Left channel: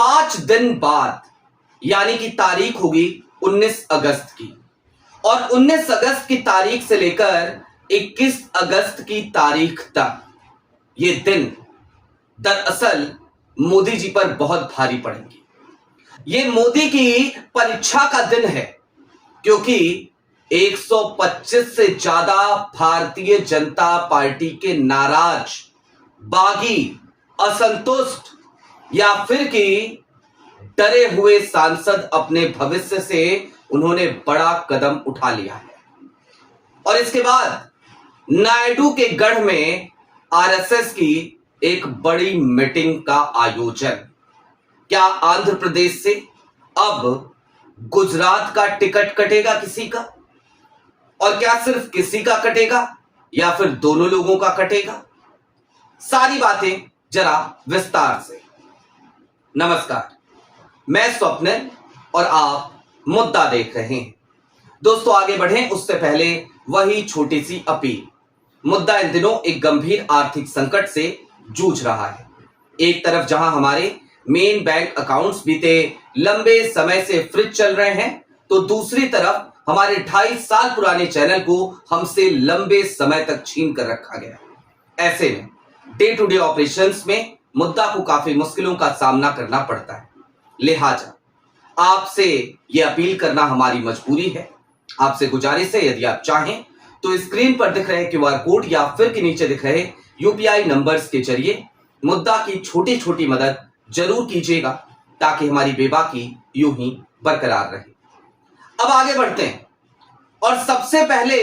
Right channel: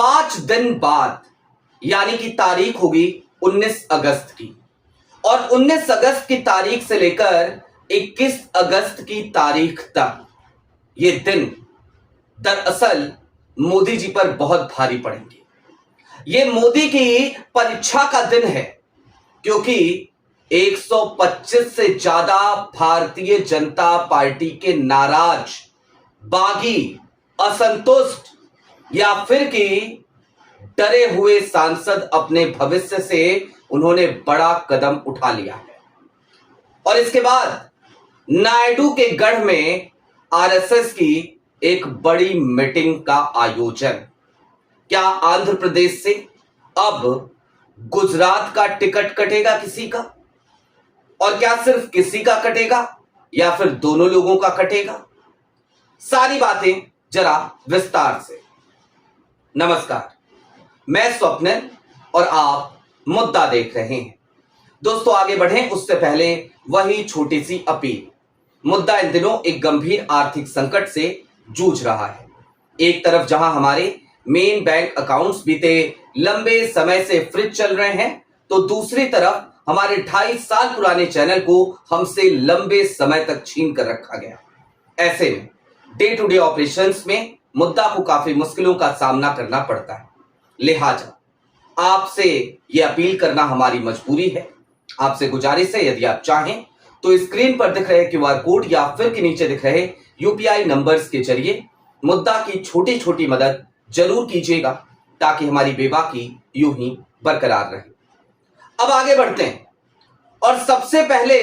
5 दिन बाद यानी कि तारीख होगी 19 अगस्त की, और 19 अगस्त की तारीख से लेकर 21 अगस्त की तारीख तक ये दिन दरअसल मोदी जी पर बहुत भारी पड़ेंगे। ये मोदी की परीक्षा का दिन है, क्योंकि 125 से ज्यादा भारतीय जनता पार्टी के नाराज, बागी, असंतुष्ट या फिर कि डरे हुए सांसद अपने भविष्य से उन्होंने बड़ा कदम उठा लिया है। और इसके बाद नायडू के गढ़ में आरएसएस की एक बड़ी मीटिंग का आयोजन। क्या आंध्र प्रदेश से अब गुजरात का टिकट कटेगा किसी का? और क्या सिर्फ किसी का कटेगा या फिर दोनों लोगों का कटेगा? सारी बातें जरा विस्तार से। नमस्कार, मैं स्वप्निल और आप मुद्दा देख रहे हैं। दोस्तों, आगे बढ़ें उससे पहले वही छोटी सी अपील। मुद्दा इन दिनों एक गंभीर आर्थिक संकट से जूझ रहा है। एक तरफ जहां हमारे मेन बैंक अकाउंट्स बीते लंबे समय से फ्रीज चल रहे हैं, तो दूसरी तरफ हमारे 2.5 साल पुराने चैनल को हमसे लंबे समय तक छीन कर रखा गया। ऐसे में डे टू डे ऑपरेशंस में मुद्दा को काफी मुश्किलों का सामना करना पड़ता है। लिहाजा आपसे यह अपील करना हमारी मजबूरी है। आपसे गुजारिश है, यदि आप चाहें तो स्क्रीन पर दिख रहे क्यूआर कोड या फिर के नीचे दिख रहे यूपीआई नंबर्स के जरिए मुद्दा की छोटी छोटी मदद जरूर कीजिएगा, ताकि हमारी बेबाकी यूं ही बरकरार रहे। अब आगे बढ़ते हैं, और सबसे पहले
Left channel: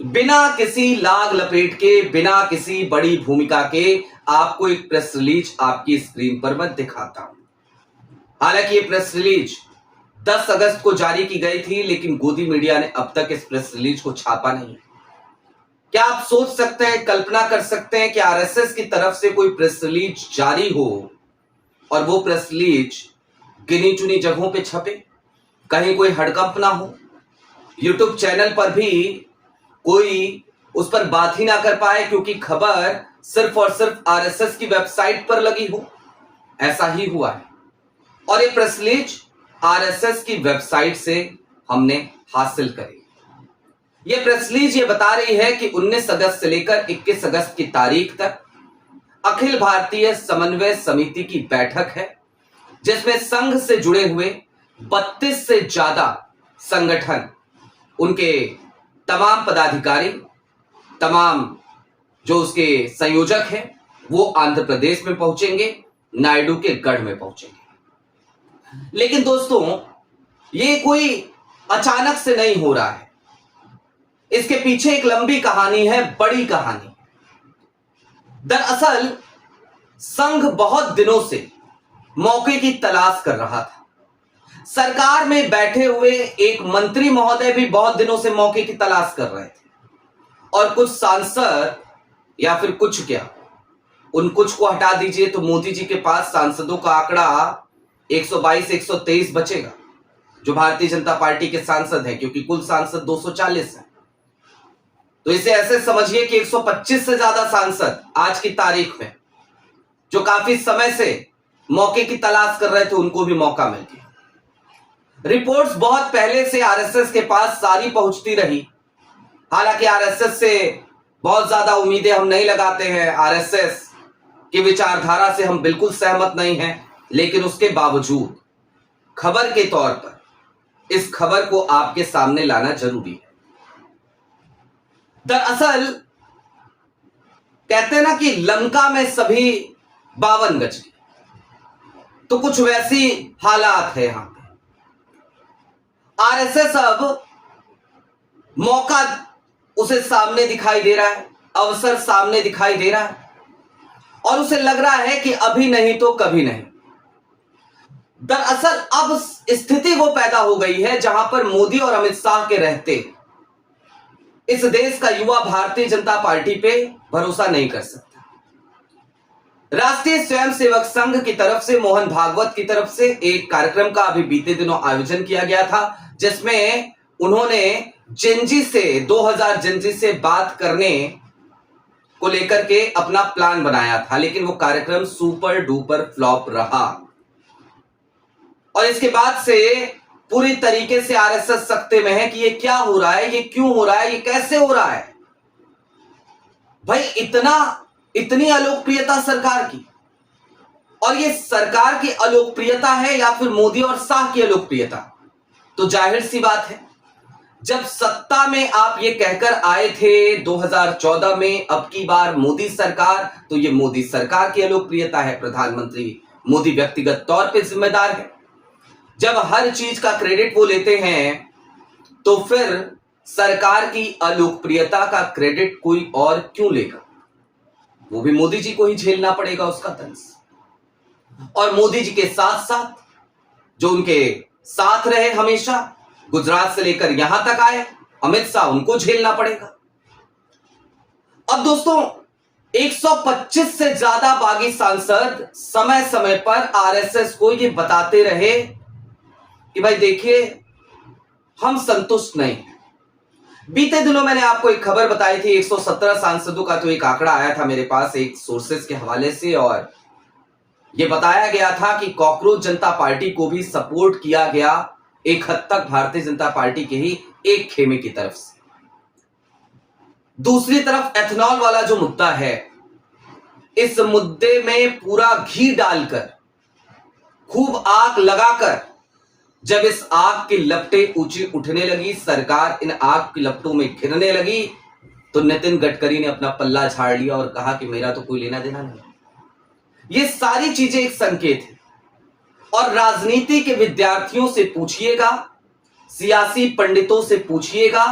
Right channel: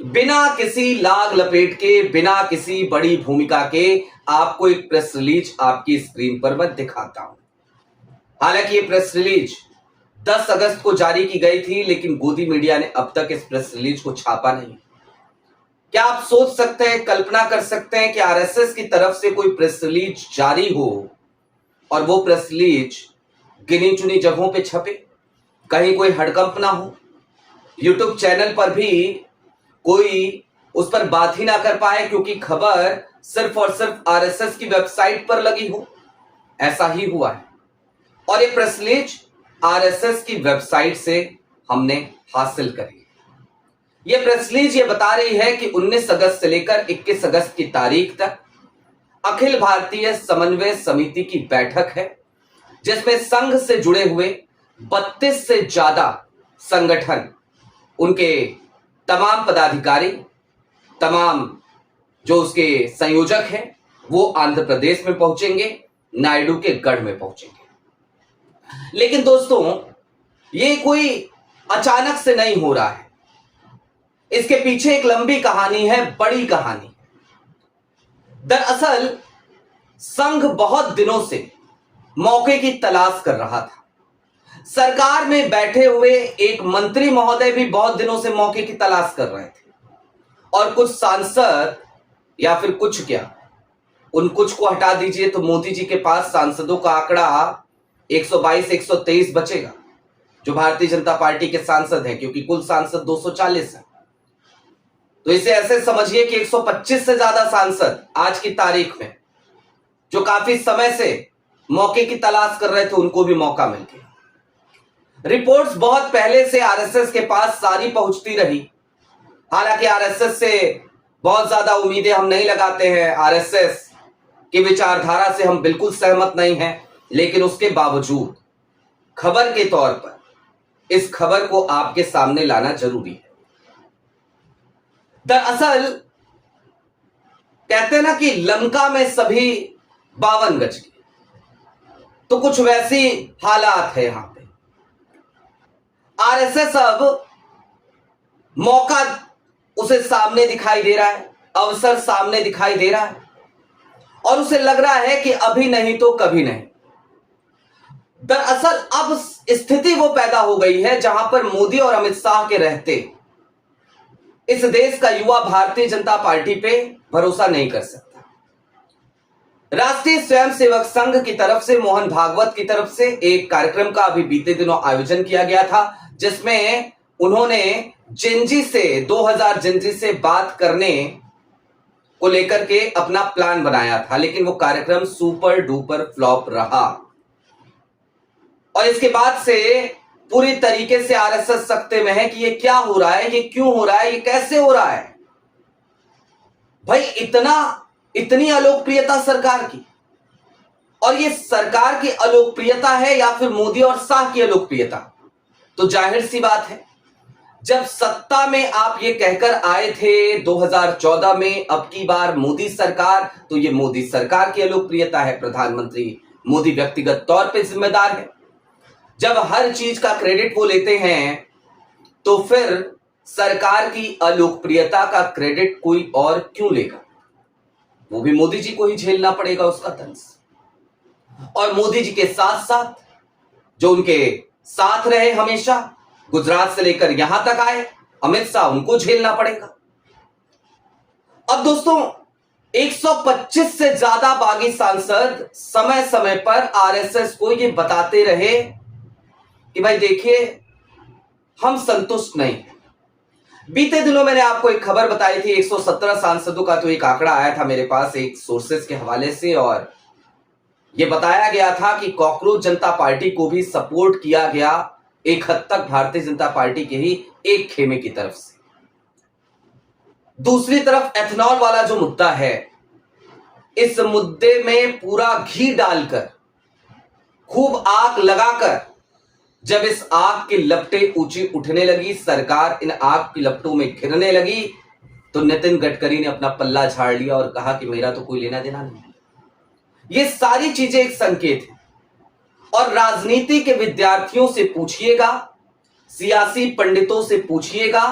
बिना किसी लाग लपेट के, बिना किसी बड़ी भूमिका के आपको एक प्रेस रिलीज आपकी स्क्रीन पर मैं दिखाता हूं। हालांकि ये प्रेस रिलीज 10 अगस्त को जारी की गई थी, लेकिन गोदी मीडिया ने अब तक इस प्रेस रिलीज को छापा नहीं। क्या आप सोच सकते हैं, कल्पना कर सकते हैं कि आरएसएस की तरफ से कोई प्रेस रिलीज जारी हो और वो प्रेस रिलीज गिनी चुनी जगहों पे छपे, कहीं कोई हड़कंप ना हो, यूट्यूब चैनल पर भी कोई उस पर बात ही ना कर पाए क्योंकि खबर सिर्फ और सिर्फ आरएसएस की वेबसाइट पर लगी हो? ऐसा ही हुआ है, और ये प्रेस रिलीज आरएसएस की वेबसाइट से हमने हासिल करी। ये प्रेस रिलीज ये बता रही है कि 19 अगस्त से लेकर 21 अगस्त की तारीख तक अखिल भारतीय समन्वय समिति की बैठक है, जिसमें संघ से जुड़े हुए 32 से ज्यादा संगठन, उनके तमाम पदाधिकारी, तमाम जो उसके संयोजक हैं, वो आंध्र प्रदेश में पहुंचेंगे, नायडू के गढ़ में पहुंचेंगे। लेकिन दोस्तों, ये कोई अचानक से नहीं हो रहा है। इसके पीछे एक लंबी कहानी है, बड़ी कहानी। दरअसल संघ बहुत दिनों से मौके की तलाश कर रहा था। सरकार में बैठे हुए एक मंत्री महोदय भी बहुत दिनों से मौके की तलाश कर रहे थे, और कुछ सांसद, या फिर कुछ क्या, उन कुछ को हटा दीजिए तो मोदी जी के पास सांसदों का आंकड़ा 122-123 बचेगा, जो भारतीय जनता पार्टी के सांसद हैं, क्योंकि कुल सांसद 240 हैं। तो इसे ऐसे समझिए कि 125 से ज्यादा सांसद आज की तारीख में, जो काफी समय से मौके की तलाश कर रहे थे, उनको भी मौका मिल गया। रिपोर्ट्स बहुत पहले से आरएसएस के पास सारी पहुंचती रही। हालांकि आरएसएस से बहुत ज्यादा उम्मीदें हम नहीं लगाते हैं, आरएसएस की विचारधारा से हम बिल्कुल सहमत नहीं हैं, लेकिन उसके बावजूद खबर के तौर पर इस खबर को आपके सामने लाना जरूरी है। दरअसल कहते हैं ना कि लंका में सभी 52 गज की, तो कुछ वैसी हालात है यहां पे। आरएसएस अब मौका उसे सामने दिखाई दे रहा है, अवसर सामने दिखाई दे रहा है, और उसे लग रहा है कि अभी नहीं तो कभी नहीं। दरअसल अब स्थिति वो पैदा हो गई है जहां पर मोदी और अमित शाह के रहते इस देश का युवा भारतीय जनता पार्टी पे भरोसा नहीं कर सकता। राष्ट्रीय स्वयंसेवक संघ की तरफ से, मोहन भागवत की तरफ से एक कार्यक्रम का अभी बीते दिनों आयोजन किया गया था, जिसमें उन्होंने जिंजी से 2000 जिंजी से बात करने को लेकर के अपना प्लान बनाया था, लेकिन वो कार्यक्रम सुपर डुपर फ्लॉप रहा। और इसके बाद से पूरी तरीके से आरएसएस सख्ते में है कि ये क्या हो रहा है, ये क्यों हो रहा है, ये कैसे हो रहा है। भाई इतनी अलोकप्रियता सरकार की, और ये सरकार की अलोकप्रियता है या फिर मोदी और शाह की अलोकप्रियता? तो जाहिर सी बात है, जब सत्ता में आप ये कहकर आए थे 2014 में अब की बार मोदी सरकार, तो ये मोदी सरकार की अलोकप्रियता है। प्रधानमंत्री मोदी व्यक्तिगत तौर पे जिम्मेदार है। जब हर चीज का क्रेडिट वो लेते हैं, तो फिर सरकार की अलोकप्रियता का क्रेडिट कोई और क्यों लेगा? वो भी मोदी जी को ही झेलना पड़ेगा उसका तंज। और मोदी जी के साथ साथ जो उनके साथ रहे हमेशा, गुजरात से लेकर यहां तक आए, अमित शाह, उनको झेलना पड़ेगा। अब दोस्तों, 125 से ज्यादा बागी सांसद समय समय पर आरएसएस को ये बताते रहे कि भाई देखिए, हम संतुष्ट नहीं हैं। बीते दिनों मैंने आपको एक खबर बताई थी, 117 सांसदों का तो एक आंकड़ा आया था मेरे पास एक सोर्सेस के हवाले से, और यह बताया गया था कि कॉकरोच जनता पार्टी को भी सपोर्ट किया गया एक हद तक भारतीय जनता पार्टी के ही एक खेमे की तरफ से। दूसरी तरफ एथेनॉल वाला जो मुद्दा है, इस मुद्दे में पूरा घी डालकर, खूब आग लगाकर, जब इस आग की लपटें ऊंची उठने लगी, सरकार इन आग की लपटों में घिरने लगी, तो नितिन गडकरी ने अपना पल्ला झाड़ लिया और कहा कि मेरा तो कोई लेना देना नहीं। ये सारी चीजें एक संकेत है। और राजनीति के विद्यार्थियों से पूछिएगा, सियासी पंडितों से पूछिएगा,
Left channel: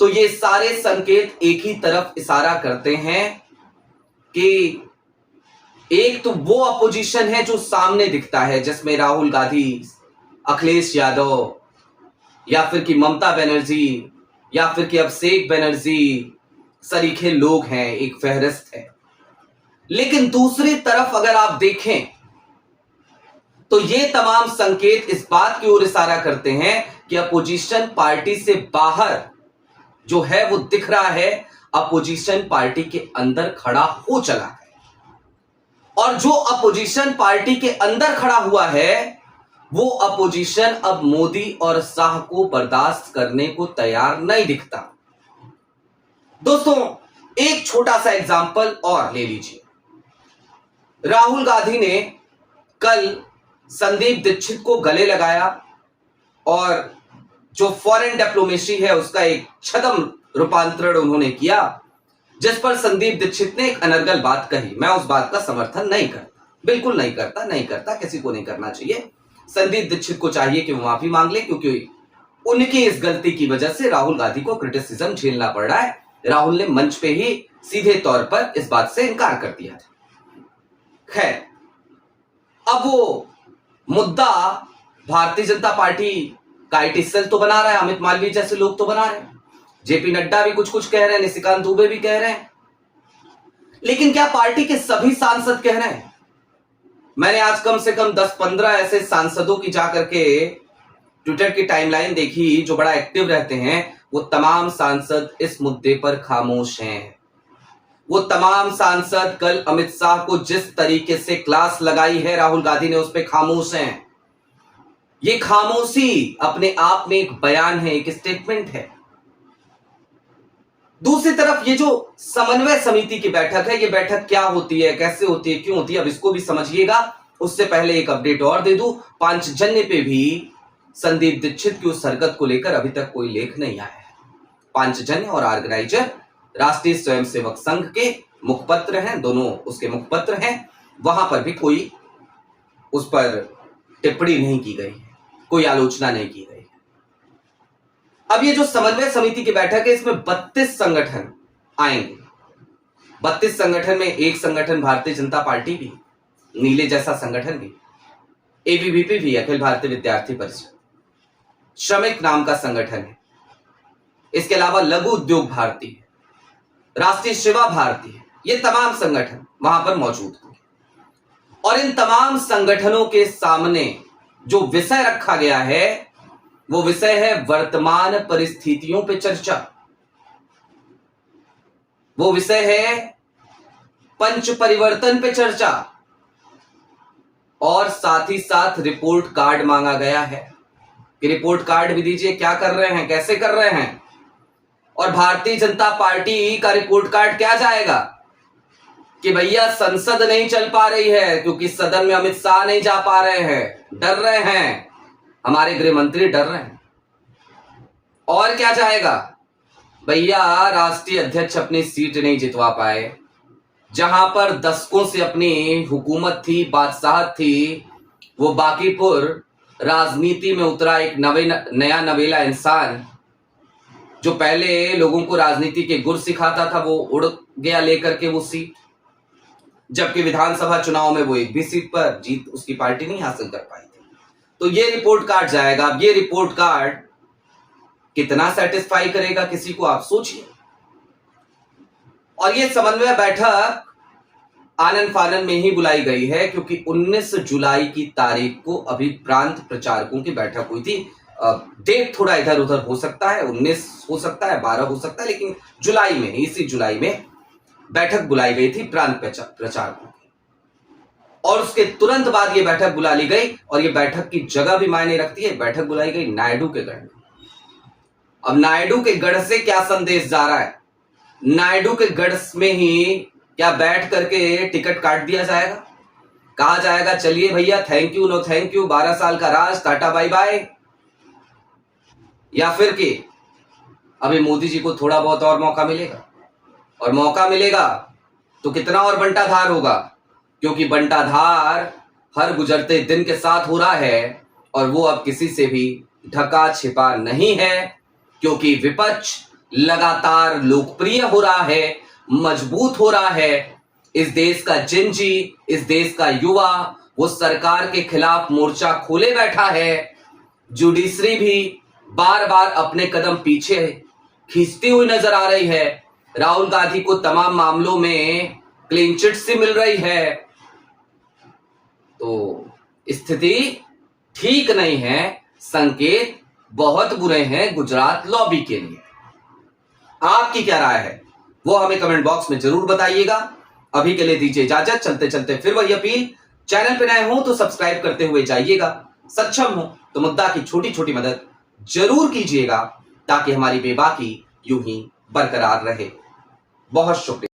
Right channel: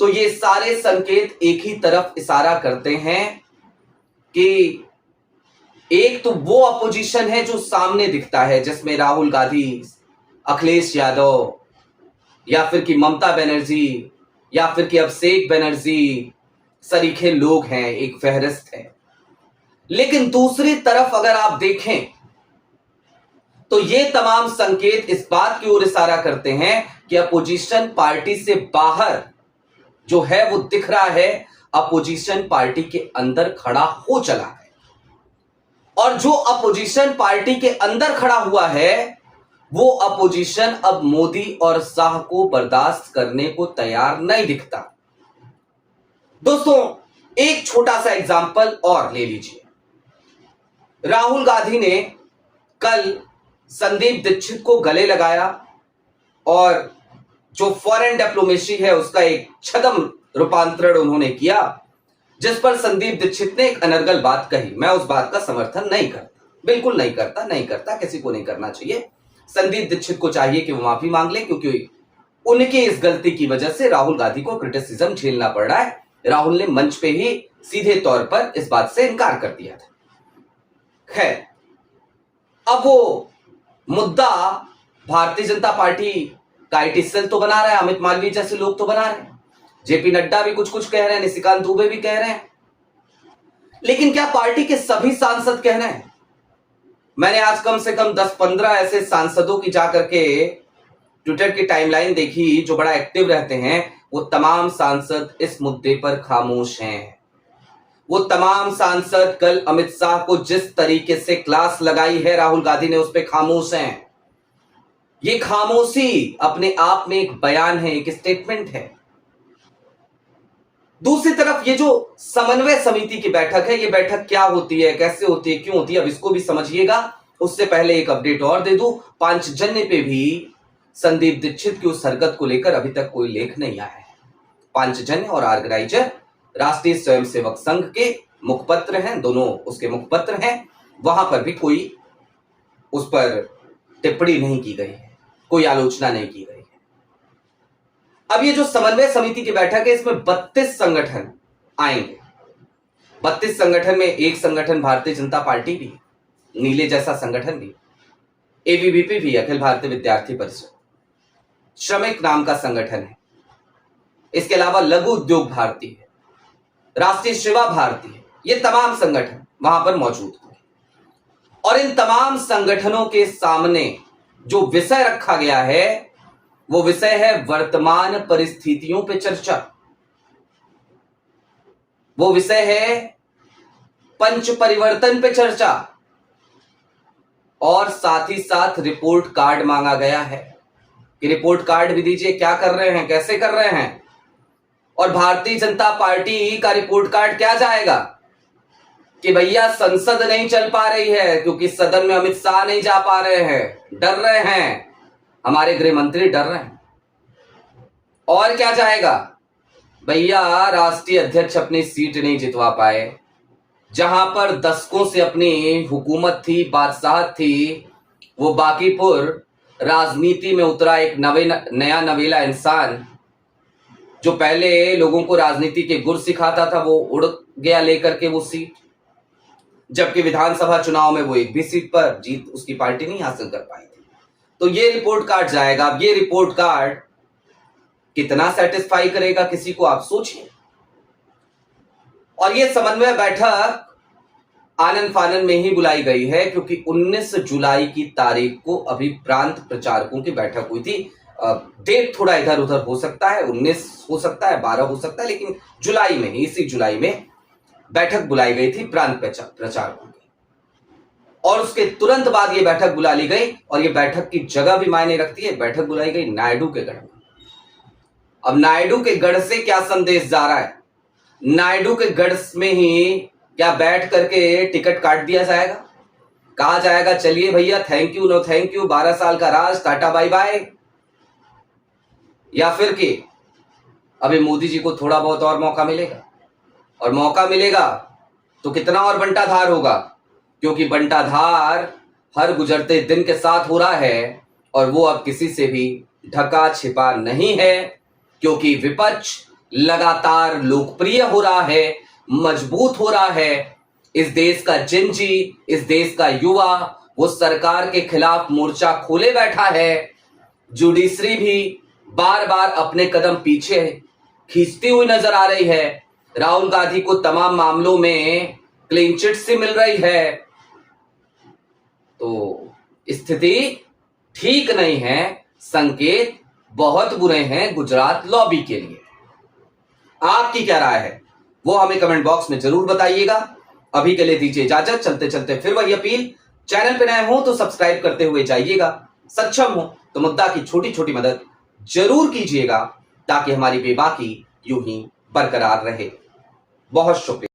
तो ये सारे संकेत एक ही तरफ इशारा करते हैं कि एक तो वो अपोजिशन है जो सामने दिखता है, जिसमें राहुल गांधी, अखिलेश यादव, या फिर कि ममता बनर्जी, या फिर कि अभिषेक बनर्जी, सरीखे लोग हैं, एक फहरिस्त है। लेकिन दूसरी तरफ अगर आप देखें, तो ये तमाम संकेत इस बात की ओर इशारा करते हैं कि अपोजिशन पार्टी से बाहर जो है वो दिख रहा है, अपोजिशन पार्टी के अंदर खड़ा हो चला है। और जो अपोजिशन पार्टी के अंदर खड़ा हुआ है, वो अपोजिशन अब मोदी और शाह को बर्दाश्त करने को तैयार नहीं दिखता। दोस्तों, एक छोटा सा एग्जाम्पल और ले लीजिए। राहुल गांधी ने कल संदीप दीक्षित को गले लगाया और जो फॉरेन डिप्लोमेसी है उसका एक छद्म रूपांतरण उन्होंने किया, जिस पर संदीप दीक्षित ने एक अनर्गल बात कही। मैं उस बात का समर्थन नहीं करता, बिल्कुल नहीं करता, किसी को नहीं करना चाहिए। संदीप दीक्षित को चाहिए कि वो माफी मांग ले, क्योंकि उनकी इस गलती की वजह से राहुल गांधी को क्रिटिसिज्म झेलना पड़ रहा है। राहुल ने मंच पे ही सीधे तौर पर इस बात से इनकार कर दिया था। खैर, अब वो मुद्दा भारतीय जनता पार्टी का आईटी सेल तो बना रहा है, अमित मालवीय जैसे लोग तो बना रहे हैं, जेपी नड्डा भी कुछ कुछ कह रहे हैं, निशिकांत दुबे भी कह रहे हैं, लेकिन क्या पार्टी के सभी सांसद कह रहे हैं? मैंने आज कम से कम 10-15 ऐसे सांसदों की जाकर के ट्विटर की टाइमलाइन देखी जो बड़ा एक्टिव रहते हैं। वो तमाम सांसद इस मुद्दे पर खामोश हैं। वो तमाम सांसद कल अमित शाह को जिस तरीके से क्लास लगाई है राहुल गांधी ने, उस पर खामोश हैं। ये खामोशी अपने आप में एक बयान है, एक स्टेटमेंट है। दूसरी तरफ ये जो समन्वय समिति की बैठक है, ये बैठक क्या होती है, कैसे होती है, क्यों होती है, अब इसको भी समझिएगा। उससे पहले एक अपडेट और दे दूं, पांचजन्य पे भी संदीप दीक्षित की उस हरकत को लेकर अभी तक कोई लेख नहीं आया है। पांचजन्य और ऑर्गेनाइजर राष्ट्रीय स्वयंसेवक संघ के मुखपत्र हैं, दोनों उसके मुखपत्र हैं, वहां पर भी कोई उस पर टिप्पणी नहीं की गई है, कोई आलोचना नहीं की गई है। अब ये जो समन्वय समिति की बैठक है, इसमें 32 संगठन आएंगे। 32 संगठन में एक संगठन भारतीय जनता पार्टी भी, नीले जैसा संगठन भी, एबीवीपी भी, अखिल भारतीय विद्यार्थी परिषद, श्रमिक नाम का संगठन है, इसके अलावा लघु उद्योग भारती है, राष्ट्रीय सेवा भारती है। ये तमाम संगठन वहां पर मौजूद होंगे और इन तमाम संगठनों के सामने जो विषय रखा गया है, वो विषय है वर्तमान परिस्थितियों पे चर्चा। वो विषय है पंच परिवर्तन पे चर्चा। और साथ ही साथ रिपोर्ट कार्ड मांगा गया है कि रिपोर्ट कार्ड भी दीजिए। क्या कर रहे हैं, कैसे कर रहे हैं? और भारतीय जनता पार्टी का रिपोर्ट कार्ड क्या जाएगा कि भैया संसद नहीं चल पा रही है क्योंकि सदन में अमित शाह नहीं जा पा रहे हैं, डर रहे हैं, हमारे गृह मंत्री डर रहे हैं। और क्या जाएगा, भैया राष्ट्रीय अध्यक्ष अपनी सीट नहीं जितवा पाए, जहां पर दशकों से अपनी हुकूमत थी, बादशाहत थी, वो बांकीपुर राजनीति में उतरा एक नया नवेला इंसान जो पहले लोगों को राजनीति के गुर सिखाता था, वो उड़ गया लेकर के वो सीट, जबकि विधानसभा चुनाव में वो एक भी सीट पर जीत उसकी पार्टी नहीं हासिल कर पाई थी। तो ये रिपोर्ट कार्ड जाएगा। अब ये रिपोर्ट कार्ड कितना सेटिस्फाई करेगा किसी को, आप सोचिए। और ये समन्वय बैठक आनन फानन में ही बुलाई गई है क्योंकि 19 जुलाई की तारीख को अभी प्रांत प्रचारकों की बैठक हुई थी। डेट थोड़ा इधर उधर हो सकता है, 19 हो सकता है, 12 हो सकता है, लेकिन जुलाई में, इसी जुलाई में बैठक बुलाई गई थी प्रांत प्रचारकों की। और उसके तुरंत बाद ये बैठक बुला ली गई और ये बैठक की जगह भी मायने रखती है। बैठक बुलाई गई नायडू के गढ़ में। अब नायडू के गढ़ से क्या संदेश जा रहा है? नायडू के गढ़ में ही क्या बैठ करके टिकट काट दिया जाएगा? कहा जाएगा चलिए भैया, thank you know thank you, 12 साल का राज, टाटा बाय बाय? या फिर कि अभी मोदी जी को थोड़ा बहुत और मौका मिलेगा, और मौका मिलेगा तो कितना और बंटाधार होगा, क्योंकि बंटाधार हर गुजरते दिन के साथ हो रहा है और वो अब किसी से भी ढका छिपा नहीं है, क्योंकि विपक्ष लगातार लोकप्रिय हो रहा है, मजबूत हो रहा है। इस देश का जिंजी, इस देश का युवा वो सरकार के खिलाफ मोर्चा खोले बैठा है। जुडिशरी भी बार बार अपने कदम पीछे खींचती हुई नजर आ रही है। राहुल गांधी को तमाम मामलों में क्लीन चिट से मिल रही है। तो स्थिति ठीक नहीं है, संकेत बहुत बुरे हैं गुजरात लॉबी के लिए। आपकी क्या राय है वो हमें कमेंट बॉक्स में जरूर बताइएगा। अभी के लिए दीजिए इजाजत, चलते चलते फिर वही अपील, चैनल पे नए हो तो सब्सक्राइब करते हुए जाइएगा, सक्षम हो तो मुद्दा की छोटी छोटी मदद जरूर कीजिएगा ताकि हमारी बेबाकी यूं ही बरकरार रहे। बहुत शुक्रिया।